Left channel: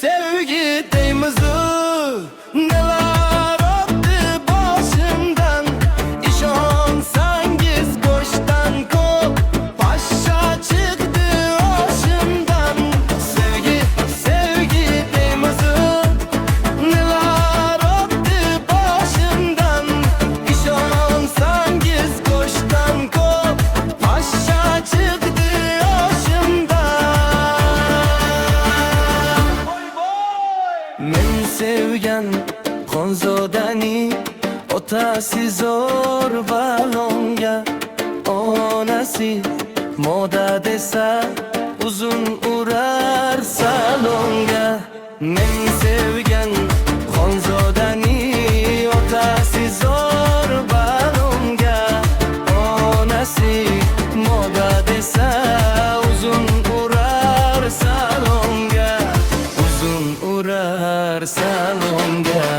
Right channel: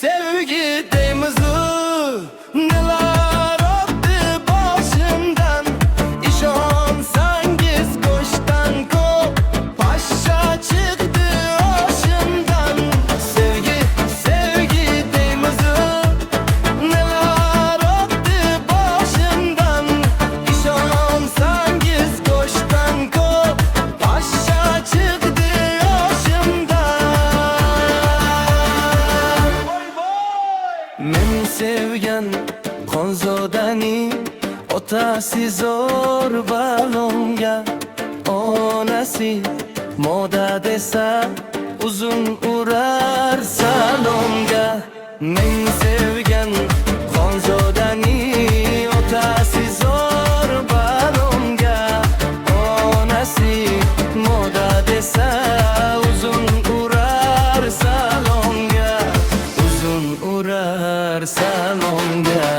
sevgi deymizu neler öptü başımdan. İşonsangiz go'shtdan ko'p pashsha chiqdi oshimdan. Sevgi, sevgi deymizu neler öptü başımdan. İşonsangiz go'shtdan ko'p pashsha chiqdi oshimdan. Men sevgan Xonzodani otasi zo'r balonga, onasi moda desa uzun urar salonga. Men sevgan Xonzodani otasi zo'r balonga, onasi moda desa uzun urar salonga, uzun urar salonga.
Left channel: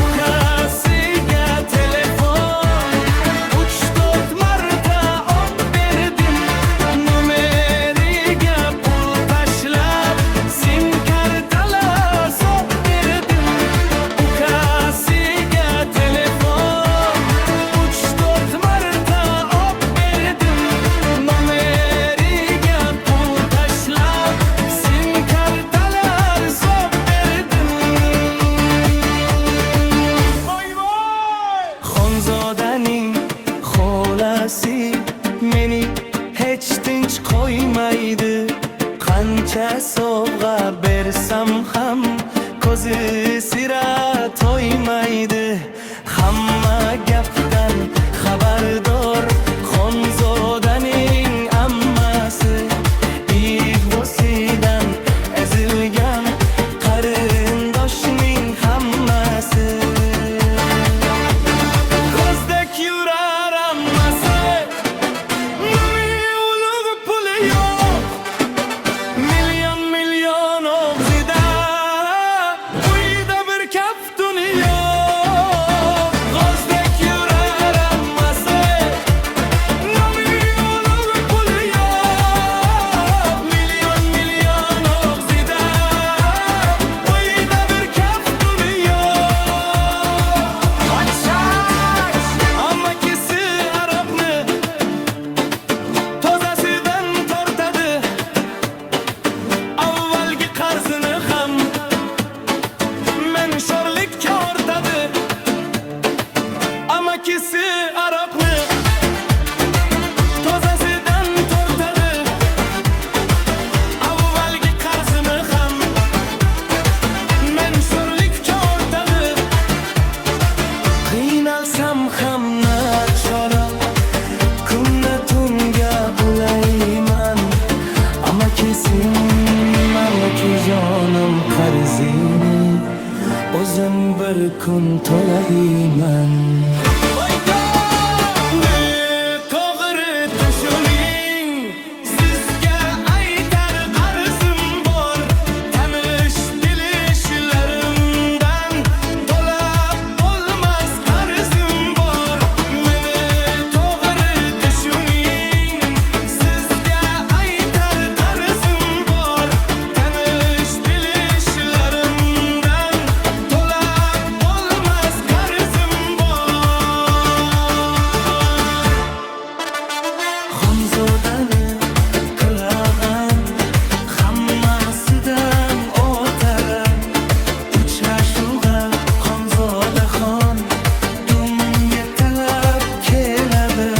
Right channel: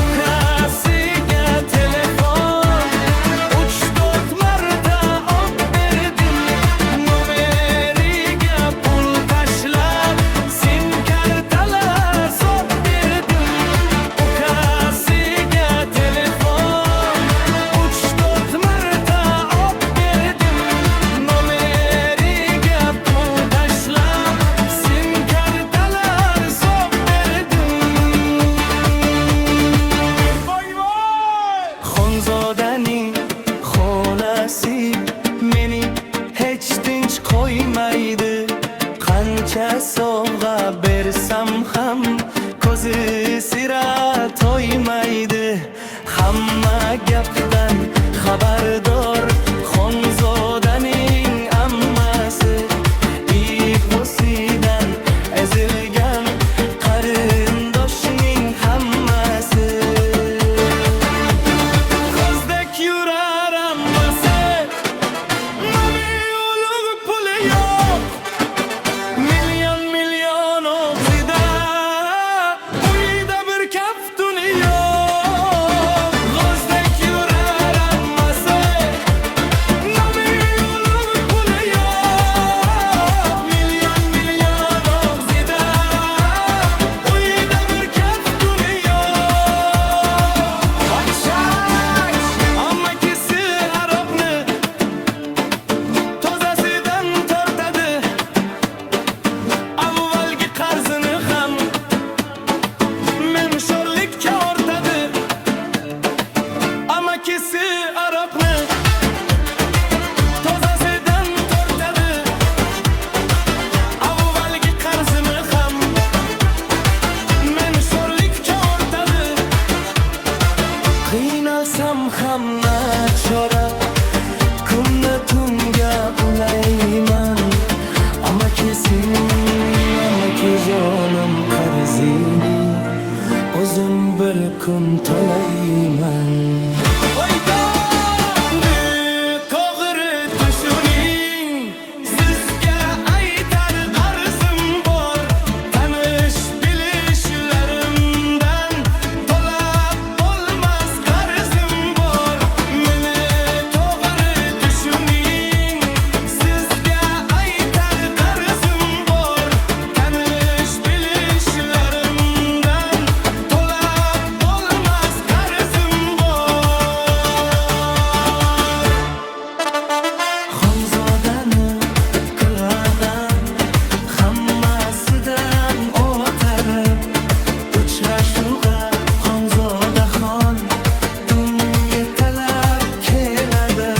Ukasiga telefon 3-4 marta op berdim. Nomeriga pul tashlab sim kartalar sop berdim. Ukasiga telefon 3-4 marta op berdim. Nomeriga pul tashlab sim kartalar sop berdim. Xonzodaning xolasi meni hech tinch qo'ymaydi. Qancha sovg'a bersam ham ko'zi sira to'ymaydi. Hamma gapdan xabardor Xonzodaning ammasi, ig'vosidan ezilgan qarindoshning hammasi. Ko'zdek yurar ammasi, nomi ulug' puli yo'q. Million og'zida, uyda bir kaftuni yo'q. Ko'zdek yurar ammasi, nomi ulug' puli yo'q. Million og'zida, uyda bir kaftuni yo'q. Amakisi aroqni tozasidan tortadi. Avvalgi qarzini ham men sho'rlikka ortadi. Amakisi aroqni tozasidan tortadi. Avvalgi qarzini ham men sho'rlikka ortadi. Qiynalsam ham nachora, kunna tunga ulayman. Amakijonim qarzini o'zim bir kun to'layman. To'g'ri tushuning, sizga aytar qarzim bor. Tanish bilishlarimdan to'lab bo'lmas qarzim bor. Meni to'g'ri tushuning, sizga aytar qarzim bor. Tanish bilishlarimdan to'lab bo'lmas qarzim bor. Xonzodani qilg'an hammasidan o'tadi. Uchrashuvga Xonzodaxon dumga talab keladi.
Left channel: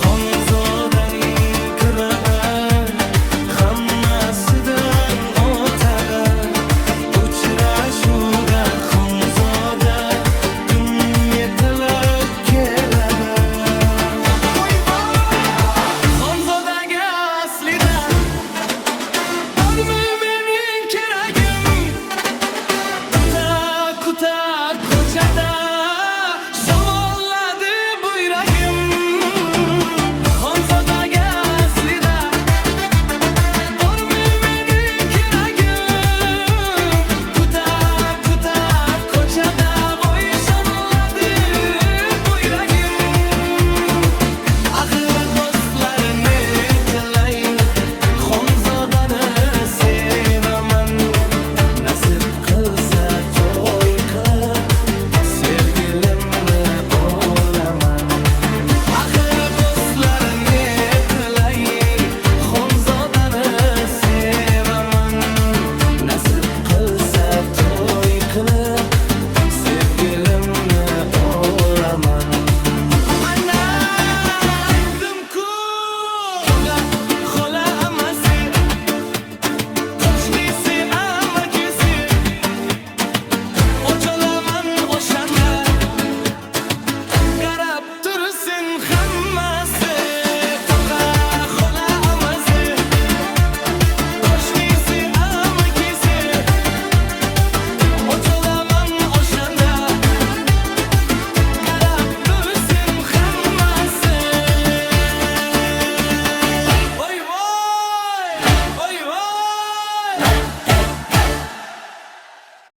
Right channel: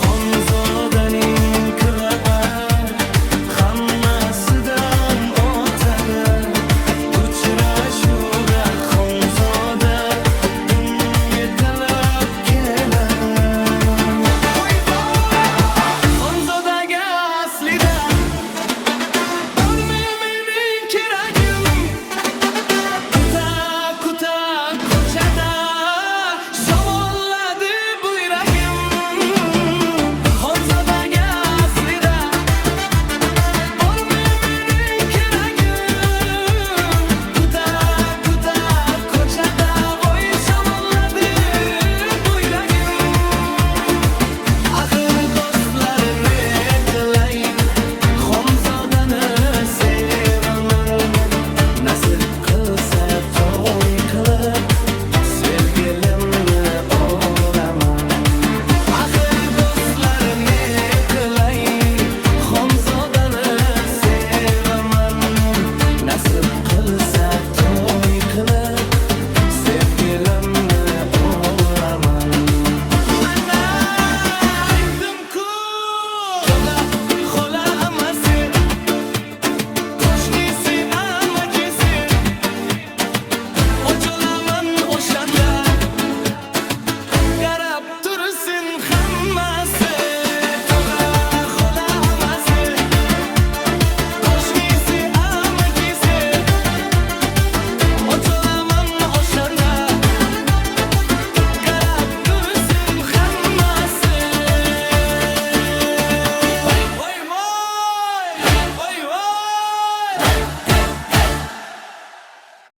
Xonzodaning qilg'an hammasidan o'tadi. Uchrashuvga Xonzoda dumga talab keladi. Xonzodaga aslida bormi mening keragim? Kuta ko'chada shamolladi bu yuragim. Xonzodaga aslida bormi mening keragim? Kuta ko'chada voy shamolladi bu yuragim. Axir do'stlarni qilay, Xonzodani sevaman. Nasib qilsa to'y qilib sevgilimni olaman. Axir do'stlar ne qilay, xonzodani sevaman. Nasib qilsa to'y qilib sevgilimni olaman. Ana aytdim-ku, tog'a xola amasi, qo'shnisi amakisi, och olaman o'shanda qarab tursin.